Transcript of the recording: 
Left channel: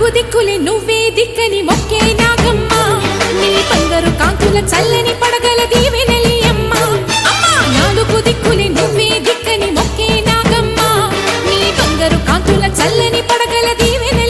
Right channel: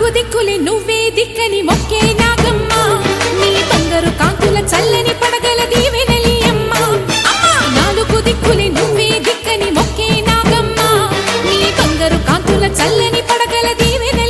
నాలుగు దిక్కులే నువ్వే దిక్కని మొక్కే నాగమ్మ నీ బంగారు కాంతుల చల్లని పడగల దీవెనలి అమ్మ అమ్మా నాలుగు దిక్కులే నువ్వే దిక్కని మొక్కే నాగమ్మ నీ బంగారు కాంతుల చల్లని పడగల దీవెనలి